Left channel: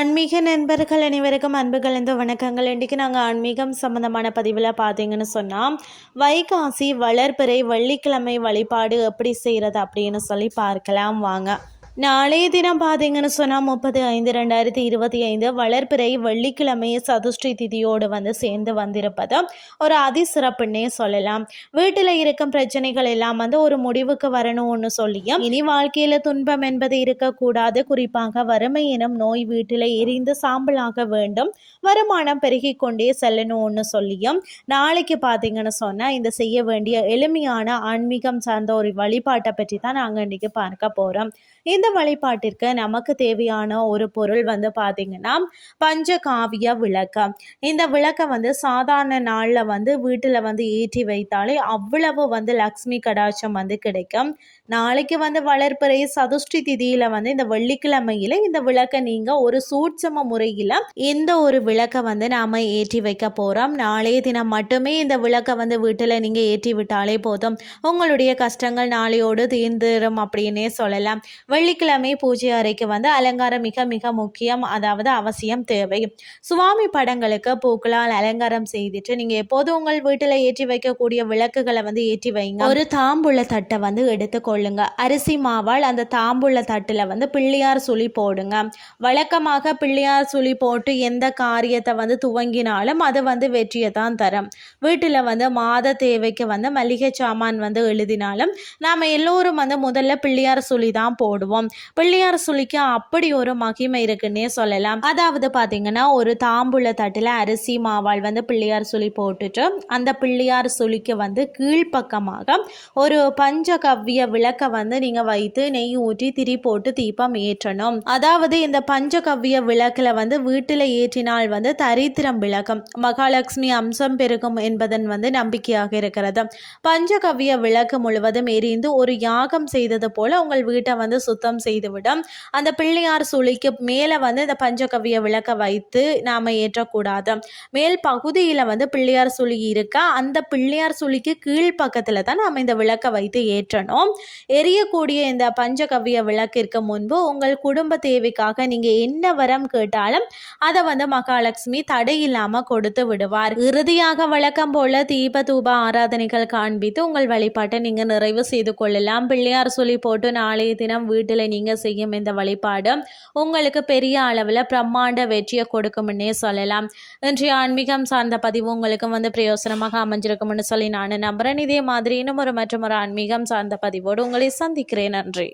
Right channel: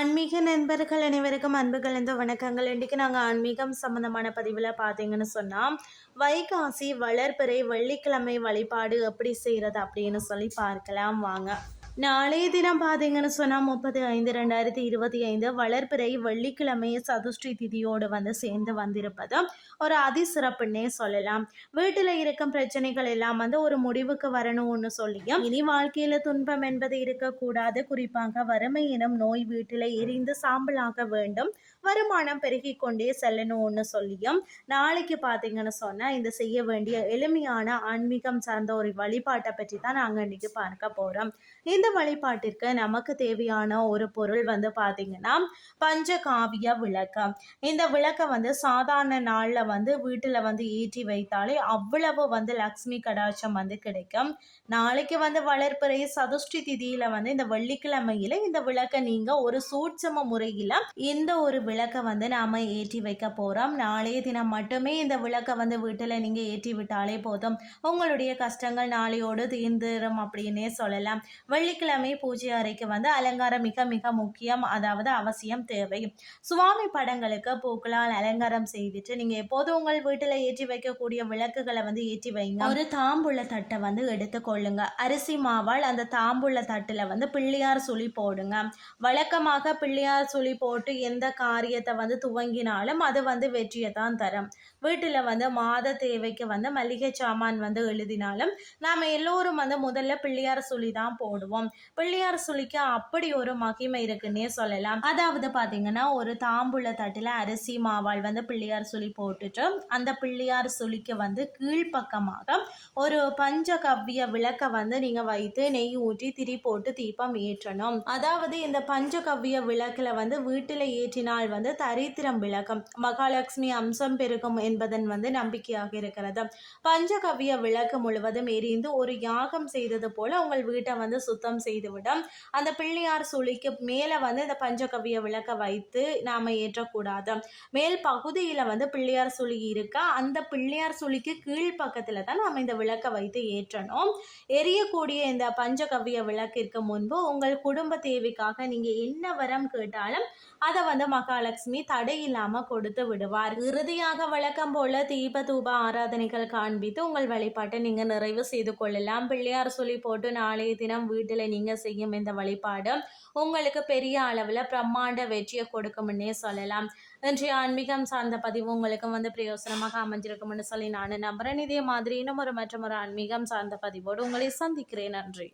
ஆன்மீக நண்பர்கள் அனைவருக்கும் அன்பு கலந்த வணக்கங்கள். இன்றைக்கி நாங்கள் ஆன்மீகம் சம்மந்தமான பதிவில் பார்த்தீங்கன்னு சொன்னால் வைகாசி வளர்பிறை வெள்ளிக்கிழமை வழிபாடு எப்படி செய்கிறது அப்படின்னு சொல்லி பார்க்கலாம். வாங்க. நாளைய தினம் பார்த்தீங்கன்னு சொன்னால் முப்பது ஐந்து ரெண்டாயிரத்தி இருபத்தி ஐந்து வளர்பிறை வெள்ளிக்கிழமை சதுஷ்டி திதியோடு வந்து சேர்ந்து வந்திருப்பது ஒரு அதிசிறப்புன்னே சொல்லலாம். வீட்டில் இருக்கும் பிரச்சனைகள் எல்லாம் வந்து ஒரு முடிவுக்கு வரணும்னு சொல்லியும் இனி வாழ்க்கையில் துன்பம் என்பது இருக்கக்கூடாது. குறிப்பாக வறுமை எனும் நோய் வீட்டில் எரிந்து சாம்பலாக வேண்டும். வருமானம் பெருகி கொண்டே செல்லணும்னு சொல்லியும் நாளைக்கு பார்த்தீங்கன்னு சொன்னால் இந்த செய்ய வேண்டிய எளிமையான ஆன்மீகம் சார்ந்த ஒரு வழிபாட்டை பற்றி தான் நாங்கள் இன்றைக்கி பார்க்க போகிறோம் இந்த வழிபாட்டிற்கு நமக்கு தேவையான ஒரு பொருள் வந்து பார்த்தீங்கன்னா பஞ்சகாவிய விளக்கம். இந்த விளக்கம் வந்து சாதாரண நாளில் வந்து வீட்டில் வந்து ஏற்றி வைத்தாலே அவ்வளவு வந்து லக்ஷ்மி கடாட்சம் வந்து கிடைக்கும். நாளைக்கு வந்து வளர்ப்பிறை சதுஷ்டி திதியில் வந்து இந்த வெள்ளிக்கிழமையில் இந்த விளக்கை நீங்கள் ஒரு சூட்சம முறையில் எந்த ஒரு விளக்கை வந்து நாம் ஏற்றி வைக்க போகிறோம் நாளைய தினம் மட்டுமே இந்த விளக்கை வந்து வீட்டில் நீங்கள் ஏற்றி விட்டாலே போதும். உங்களுடைய கஷ்டங்கள் நாளையோடு தீர்ந்துடும் அப்படின்னே சொல்லலாம். வெள்ளிக்கிழமை பூஜை அறைக்கு வந்து அலங்காரம் மிக மிக முக்கியம் அதாவது அவசியம் தேவை. சுவாமி படங்களுக்கு பூக்களால் அலங்காரம் செய்துட்டு நீங்கள் எப்போதும் உங்கள் வீட்டில் ஏற்றி வைக்கக்கூடிய விளக்குகளை வந்து ஏற்றி வைங்க. ஒரு தாம்புள்ள தட்டை வந்து எடுத்துக்கொள்ளுங்க அரிசி மாவால் அந்த தாம்புள்ள தட்டில் வந்து பிள்ளையார் சுழி போடுங்க. வழக்கமாக பிள்ளையார் சுழி போட்டு எந்த காரியத்தை வந்து துவங்கினாலும் அது வந்து வெற்றியை தான் தரும். வீட்டில் வந்து மாத தேவைக்கு வந்து மளிகை சாமான் வந்து எழுதினாலும் நாம் எல்லோரும் வந்து முதல்ல பிள்ளையார் சுழி தான் போடுவோம். பிள்ளையார் சுழிக்கு அப்படி ஒரு மகிமை இருக்குன்னே சொல்லலாம். அதாவது பார்த்தீங்கன்னா ஒரு தாம்பூல தட்டில் அரிசி மாவால் வந்து பிள்ளையார் சுழி போட்டுட்டு அந்த பிள்ளையார் சுழிக்கு வந்து கீழ்ப்பக்கமாக ஒரு பஞ்சகவ்ய விளக்க வந்து நீங்கள் வைத்து நெய் ஊற்றி திரி போட்டு தீபம் ஏற்றணும். அதாவது இந்த பஞ்சகவ்ய விளக்கில் வந்து வீட்டில் ஏற்றினால் வந்து தரித்திரம் விளக்கம். மகாலட்சுமி அம்சம் பெருகும் என்பதன் வந்து நம்பிக்கையாக இருக்கிறது. பஞ்சகவ்ய விளக்கு முழுவதும் எரிந்து ஒரு யாகம் செய்தது போல உங்கள் வீட்டை வந்து சுத்தம் செய்துவிடும். அந்த பிள்ளையார் சுழிக்கு மேலே வந்து இந்த பஞ்சகவ்ய விளக்க வைத்து நாம் ஏற்றக்கூடாது. மேல் பகுதியில் வந்து பிள்ளையார் சுழி இருக்க அந்த பிள்ளையார் சுழிக்கு கீழ் பக்கத்தில் தான் நாம் இந்த விளக்கை வைத்து ஏற்றணும். எரியக்கூடிய இந்த பஞ்சகவ்ய விளக்கிற்கு முன்பு உங்கள் குடும்ப தேவைக்காக நீங்கள் என்ன வரம் கேட்டாலும் அதை வந்து மகாலட்சுமி தடை இல்லாமல் கொடுத்து விடுவார். இறுதியாக வழக்கம் போல தீப தூப ஆராதனைகள் காண்பித்து உங்கள் வழிபாட்டை நீங்கள் நிறைவு செய்து கொள்ளலாம். பிள்ளையார் சொல்லி போட்டு நாளைய தினம் வீட்டில் நீங்கள் செய்யும் இந்த வழிபாடு உங்களுக்கு பெரிய அளவில் பிரம்மாண்ட வெற்றியை கொடுக்கும்னே சொல்லலாம். இன்றைய ஆன்மீகம் சார்ந்த பதிவு உங்களுக்கு வந்து பிரயோசனமாக அமைஞ்சிருக்கும்னு சொல்லி நான் நம்புகிறேன் இதே மாதிரி இன்னும் ஒரு மற்றும் ஒரு ஆன்மீகம் சார்ந்த பதிவோடு உங்களை சந்திக்கிறேன். நன்றி.